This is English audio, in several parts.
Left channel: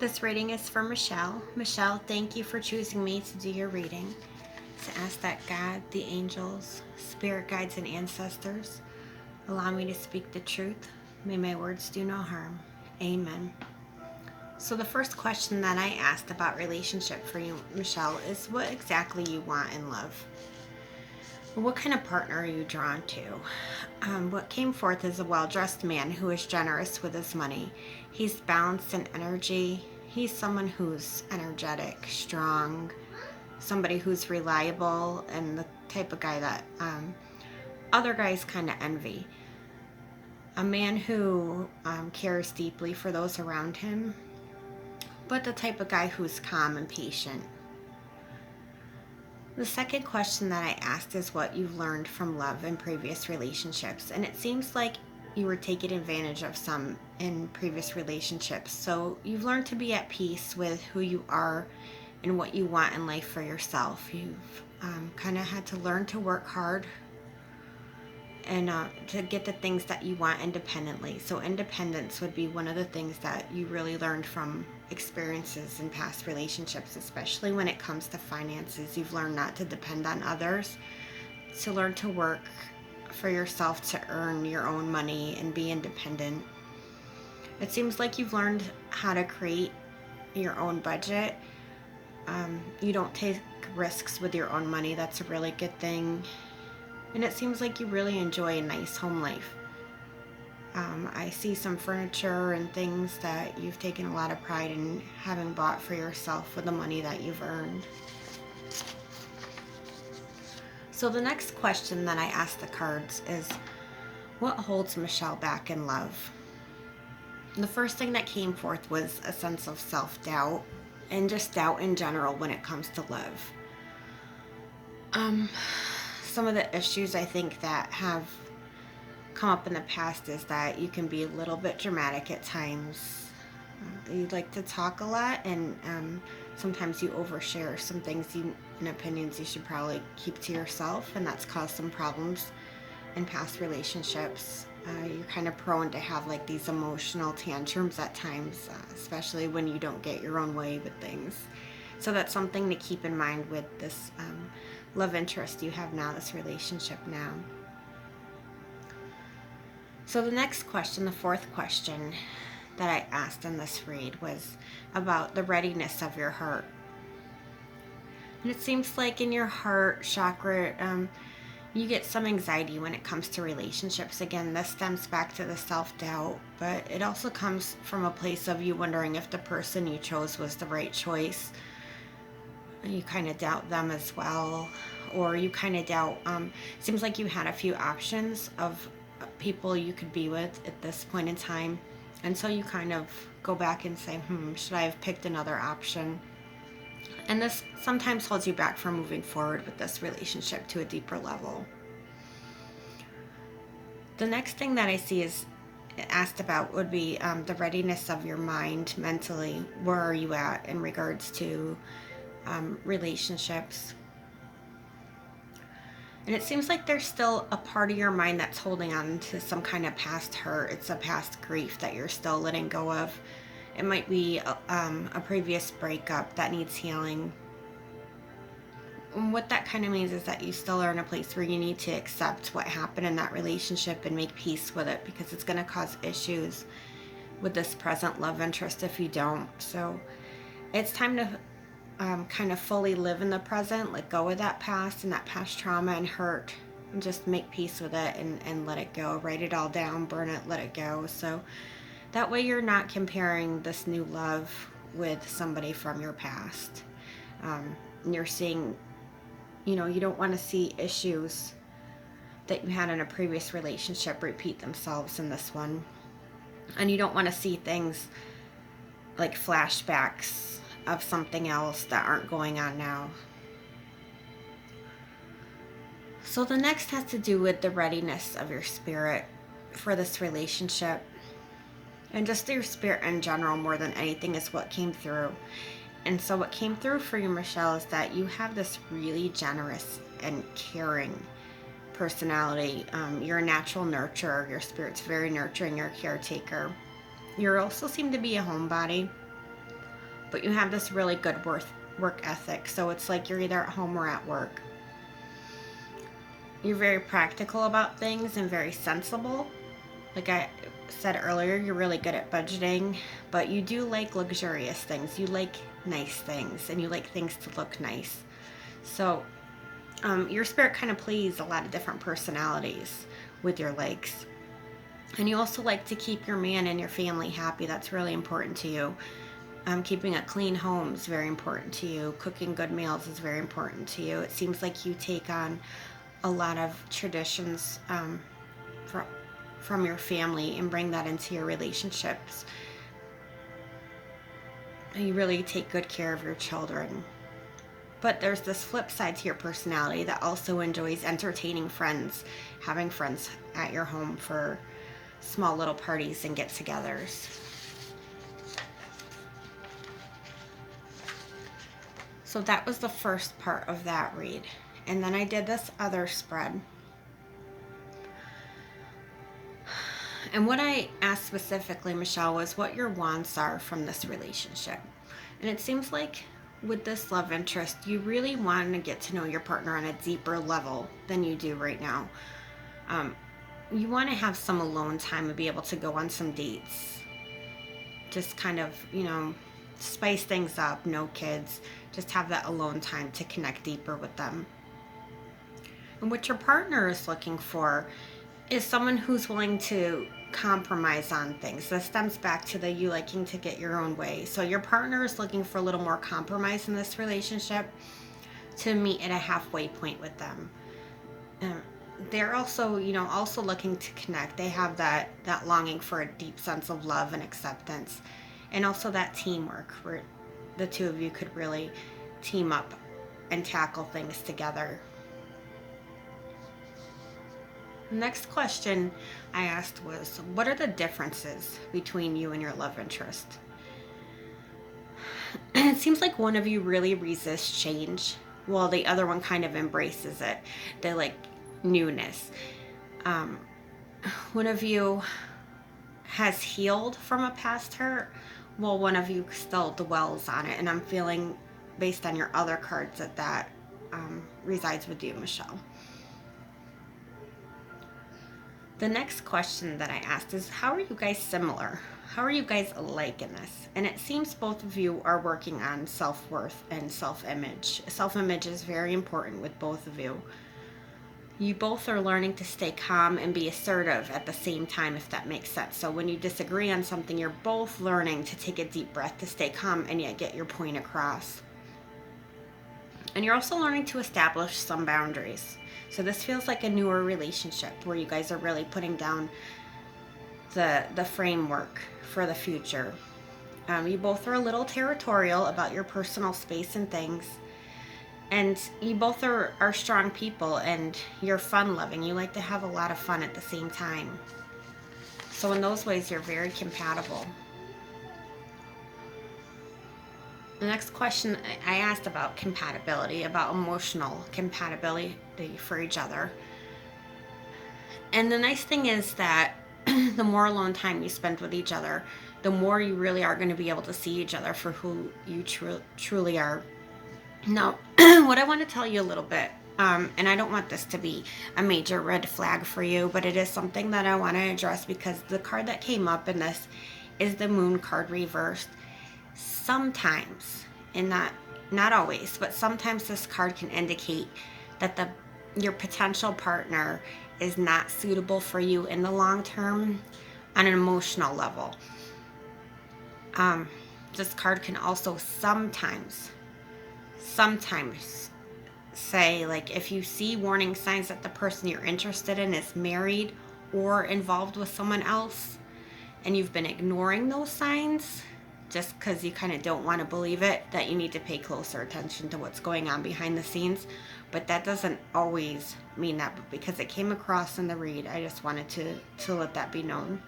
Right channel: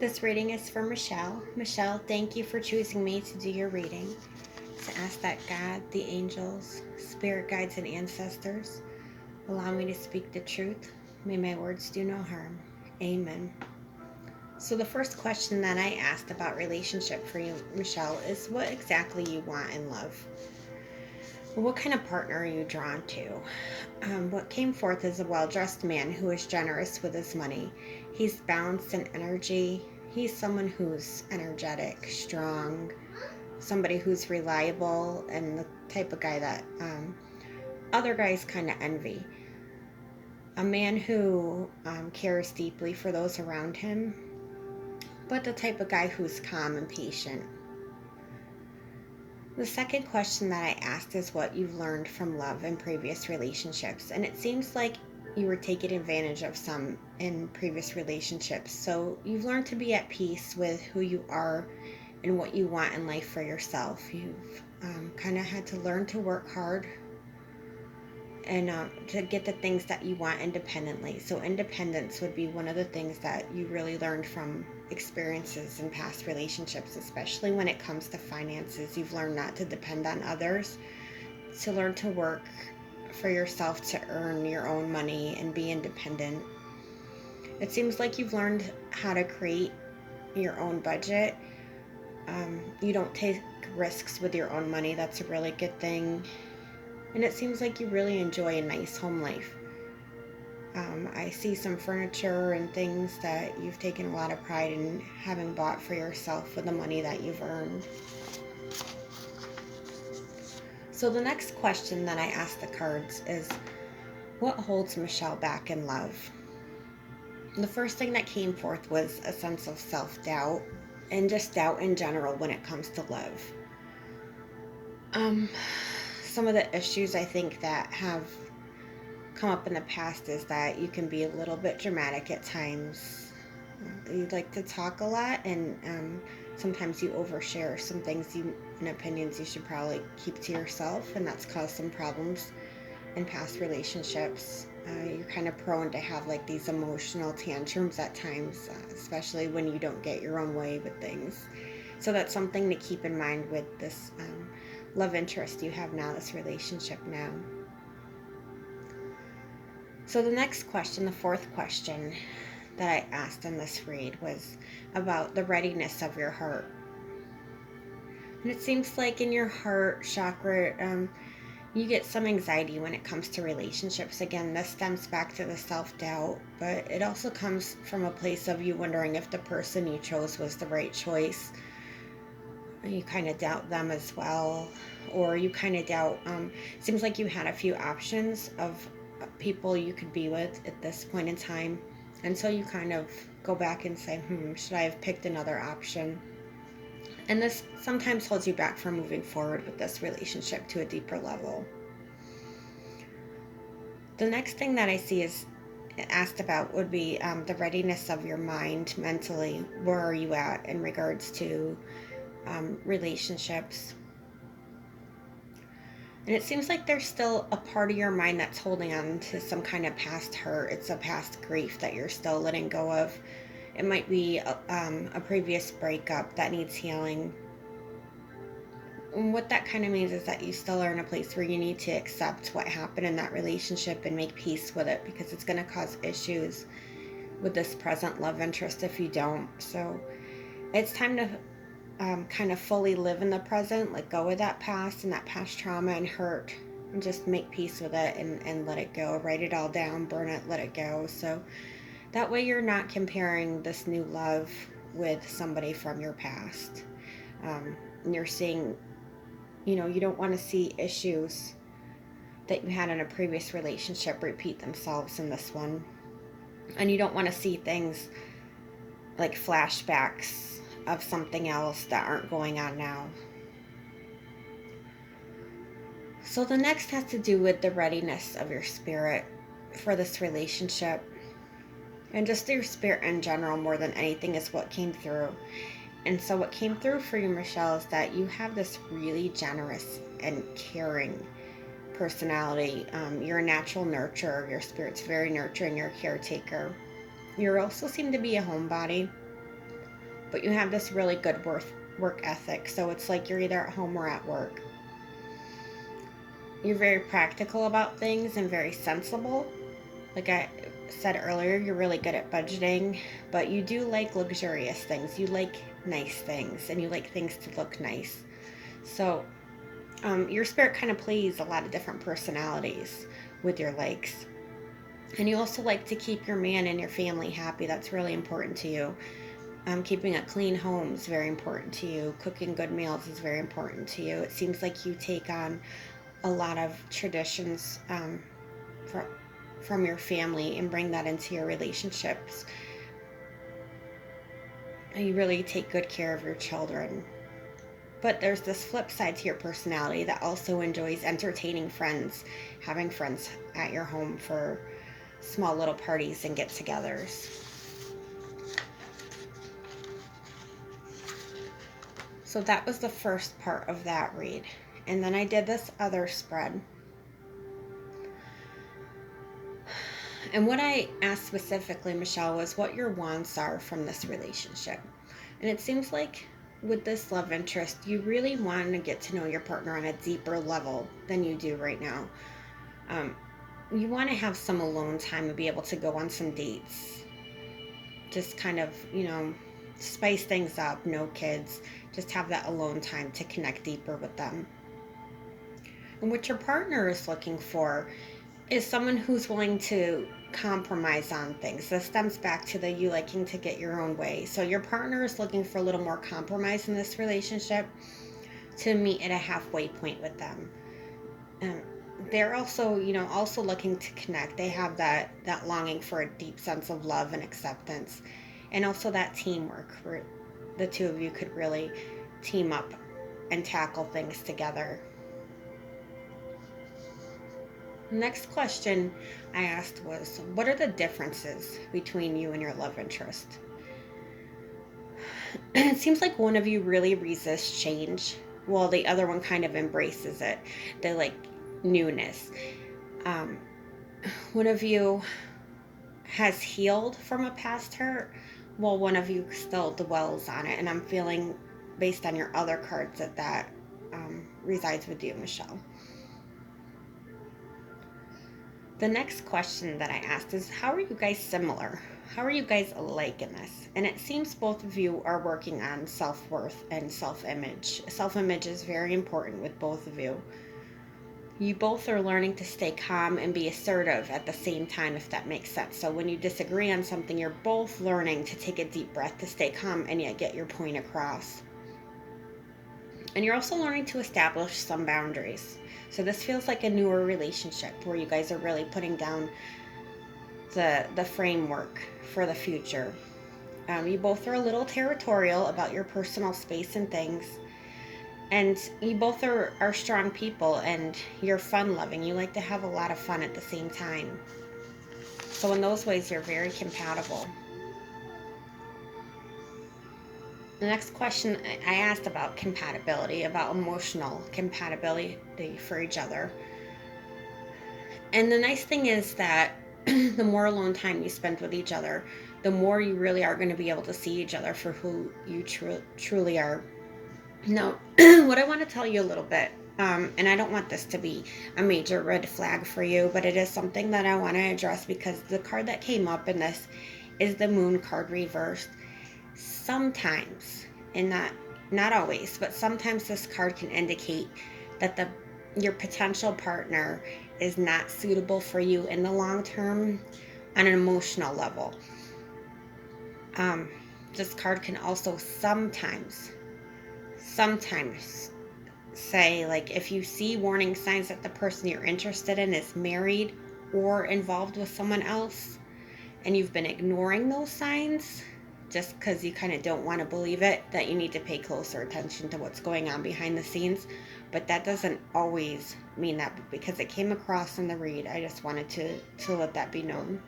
This reading is for Michelle. Michelle, thank you for choosing me to do your reading. To ask that God, the angels, spirit guides, and ancestors allow me to speak the truth. May my words do no harm. Amen. So, the first question that I asked about relationship for you, Michelle, is what exactly you want in love. What kind of partner are you drawn to? What came forth is a well dressed man who is generous with his money. He's balanced in energy. He's someone who's energetic, strong, somebody who's reliable, and the type of guy that other guys kind of envy. A man who cares deeply for those around him, but the type of guy who's calm and patient. The second question that I asked is what you've learned from love in previous relationships. And it seems like you were taking advantage of some in previous relationships. So you've learned to be at peace with who you are and what you want in life for yourself. You've kind of had to learn to work hard and to get the things that you want independently. So independence would be one of the things that you really learned from experiences in past relationships, especially when it comes to finances. You've learned not to depend on others, to learn to work for yourself, to earn your own money and be independent. It seems like you've learned how to create your own budget. You don't take risks with your own money. That's a really good thing. And it seems like you really enjoy a nice home life. I see some furniture and things that you've taken a lot of pride in having bought for yourself with the money that you've earned. So the next question that I asked the cards is, what holds Michelle back in love? The first thing that came forth was a sense of self-doubt and just doubt in general when it comes to love. Some of the issues I think that have come up in the past is that you can be a little bit dramatic at times. You like to talk a lot, and sometimes you overshare some things and opinions you should probably keep to yourself, and that's caused some problems in past relationships. You're kind of prone to have like these emotional tantrums at times, especially when you don't get your own way with things. So that's something to keep in mind with this love interest you have now, this relationship now. So the next question, the fourth question that I asked in this read was about the readiness of your heart. And it seems like in your heart chakra, you get some anxiety when it comes to relationships. Again, this stems back to the self-doubt, but it also comes from a place of you wondering if the person you chose was the right choice. You kind of doubt them as well, or you kind of doubt, seems like you had a few options of people you could be with at this point in time, and so you kind of go back and say, should I have picked another option? And this sometimes holds you back from moving forward with this relationship to a deeper level. The next thing that I see is asked about would be the readiness of your mind mentally. Where are you at in regards to relationships? And it seems like there's still a part of your mind that's holding on to some kind of past hurt. It's a past grief that you're still letting go of. It might be a previous breakup that needs healing. And what that kind of means is that you still are in a place where you need to accept what happened in that relationship and make peace with it, because it's going to cause issues with this present love interest if you don't. So it's time to kind of fully live in the present, let go of that past and that past trauma and hurt, and just make peace with it and let it go. Write it all down, burn it, let it go. So that way you're not comparing this new love with somebody from your past. And you're seeing, you don't want to see issues that you had in a previous relationship repeat themselves in this one. And you don't want to see things like flashbacks of something else that aren't going on now. So the next has to do with the readiness of your spirit for this relationship. And just your spirit in general, more than anything, is what came through. And so what came through for you, Michelle, is that you have this really generous and caring personality. You're a natural nurturer. Your spirit's very nurturing. You're a caretaker. You also seem to be a homebody. but you have this really good work ethic. So it's like you're either at home or at work. You're very practical about things and very sensible. Like I said earlier, you're really good at budgeting, but you do like luxurious things. You like nice things, and you like things to look nice. So your spirit kind of plays a lot of different personalities with your likes. And you also like to keep your man and your family happy. That's really important to you. Keeping a clean home is very important to you. Cooking good meals is very important to you. It seems like you take on a lot of traditions from your family and bring that into your relationships. You really take good care of your children. But there's this flip side to your personality that also enjoys entertaining friends, having friends at your home for small little parties and get-togethers. So that was the first part of that read. And then I did this other spread. And what I asked specifically, Michelle, was what your wants are from this relationship. And it seems like with this love interest, you really want to get to know your partner on a deeper level than you do right now. You want to have some alone time and be able to go on some dates. Just kind of, spice things up, no kids. Just have that alone time to connect deeper with them. And what your partner is looking for is someone who's willing to compromise on things. This stems back to the you liking to get your own way. So your partner is looking for a little more compromise in this relationship to meet at a halfway point with them. They're also, also looking to connect. They have that longing for a deep sense of love and acceptance, and also that teamwork where the two of you could really team up and tackle things together. Next question I asked was, what are the differences between you and your love interest? And it seems like one of you really resists change, while the other one kind of embraces it. They like newness. One of you has healed from a past hurt, while one of you still dwells on it. And I'm feeling, based on your other cards, that resides with you, Michelle. The next question that I asked is, how are you guys similar? How are you guys alike in this? And it seems both of you are working on self-worth and self-image. Self-image is very important with both of you. You both are learning to stay calm and be assertive at the same time, if that makes sense. So when you disagree on something, you're both learning to take a deep breath, to stay calm and yet get your point across. And you're also learning to establish some boundaries. So this feels like a newer relationship where you guys are really putting down the framework for the future. You both are a little territorial about your personal space and things. And you both are strong people, and you're fun-loving. You like to have a lot of fun at the same time. So in those ways, you're very compatible. The next question I asked about compatibility, about emotional compatibility for each other. And the nice thing is that the more alone time you spend with each other, the more you really are going to be able to see each other for who you truly are. Now, what I want to tell you a little bit, and I don't want this to be a major red flag for you, but it is something that I want to address because the card that came up in this is the Moon card reversed. Sometimes, and not always, but sometimes this card can indicate that your potential partner is not suitable for you in the long term on an emotional level. This card can also sometimes say, like, if you see warning signs that the person you're interested in is married or involved with someone else, and you've been ignoring those signs just because you kind of don't want to believe it, that you need to pay closer attention to what's going on behind the scenes. But that doesn't always mean that, but because it came across in the read, I just wanted to let that be known.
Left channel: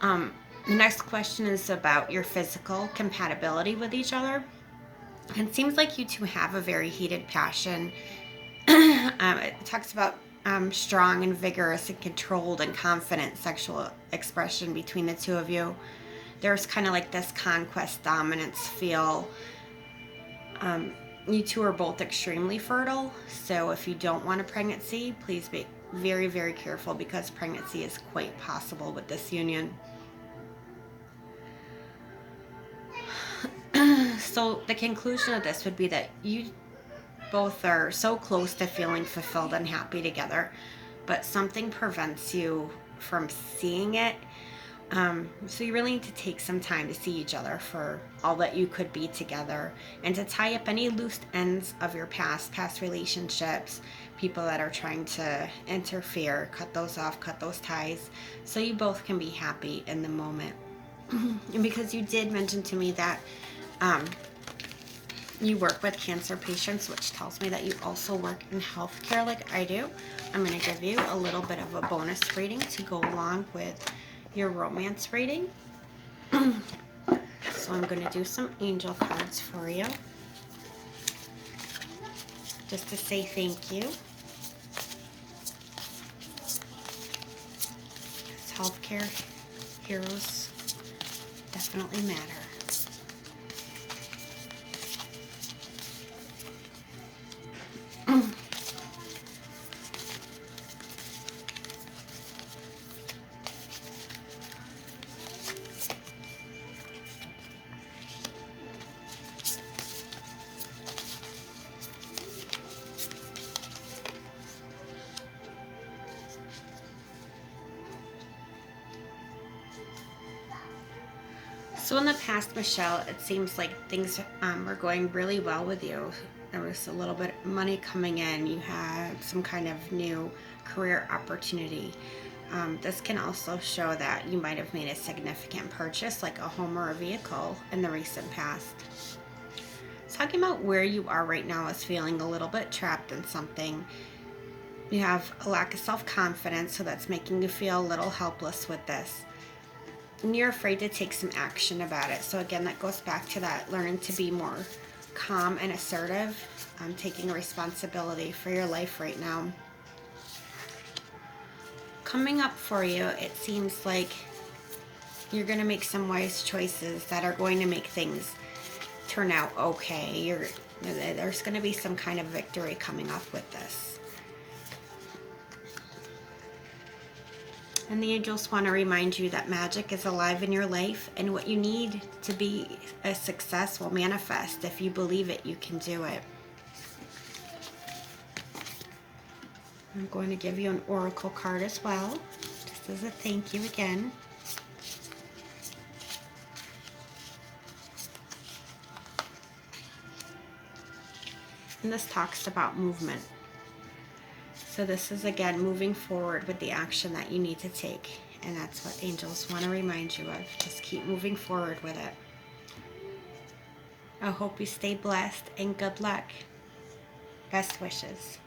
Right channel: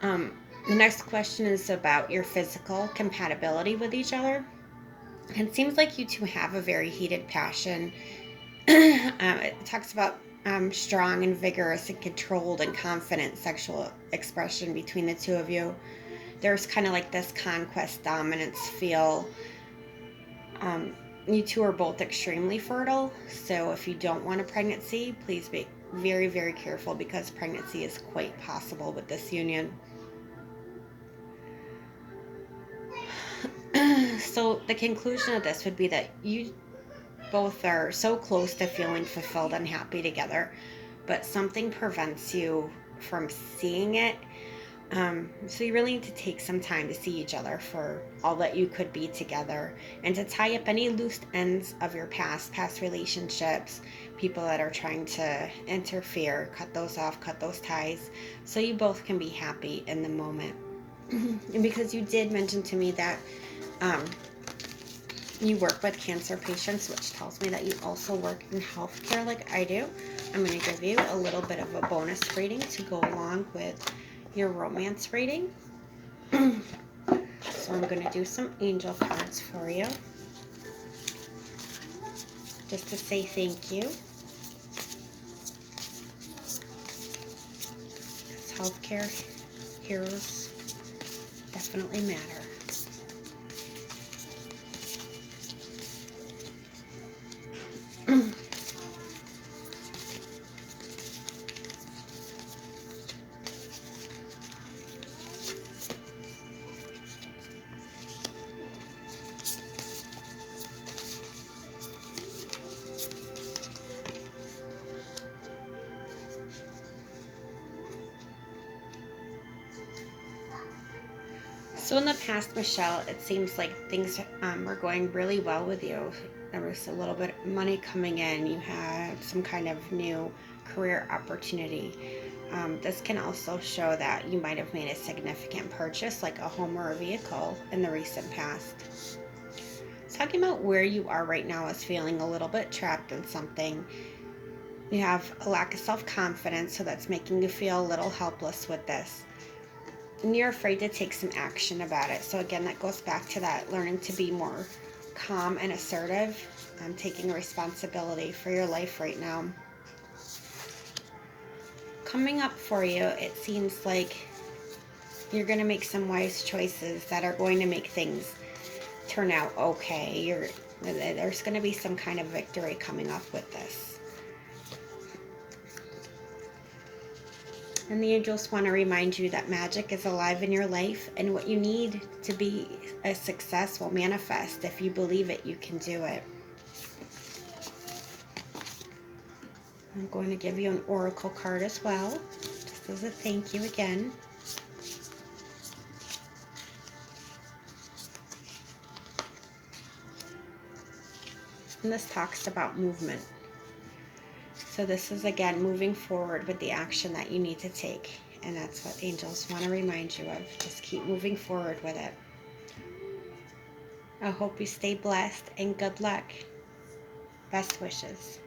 The next question is about your physical compatibility with each other. It seems like you two have a very heated passion. It talks about strong and vigorous and controlled and confident sexual expression between the two of you. there's kind of like this conquest dominance feel. You two are both extremely fertile, so if you don't want a pregnancy, please be very, very careful, because pregnancy is quite possible with this union. So the conclusion of this would be that you both are so close to feeling fulfilled and happy together, but something prevents you from seeing it. So you really need to take some time to see each other for all that you could be together, and to tie up any loose ends of your past relationships, people that are trying to interfere, cut those off, cut those ties, so you both can be happy in the moment. And because you did mention to me that you work with cancer patients, which tells me that you also work in healthcare like I do, I'm going to give you a little bit of a bonus reading to go along with your romance reading. So I'm going to do some angel cards for you, just to say thank you. Because healthcare heroes definitely matter. So in the past, Michelle, it seems like things are going really well with you. There was a little bit of money coming in. You had some kind of new career opportunity. This can also show that you might have made a significant purchase, like a home or a vehicle, in the recent past. Talking about where you are right now is feeling a little bit trapped in something. You have a lack of self-confidence, so that's making you feel a little helpless with this. And you're afraid to take some action about it. So again, that goes back to that learning to be more calm and assertive, taking responsibility for your life right now. Coming up for you, it seems like you're going to make some wise choices that are going to make things turn out okay. There's going to be some kind of victory coming up with this. And the angels want to remind you that magic is alive in your life, and what you need to be a success will manifest. If you believe it, you can do it. I'm going to give you an oracle card as well, just as a thank you again. And this talks about movement. So this is, again, moving forward with the action that you need to take. And that's what angels want to remind you of. Just keep moving forward with it. I hope you stay blessed, and good luck. Best wishes.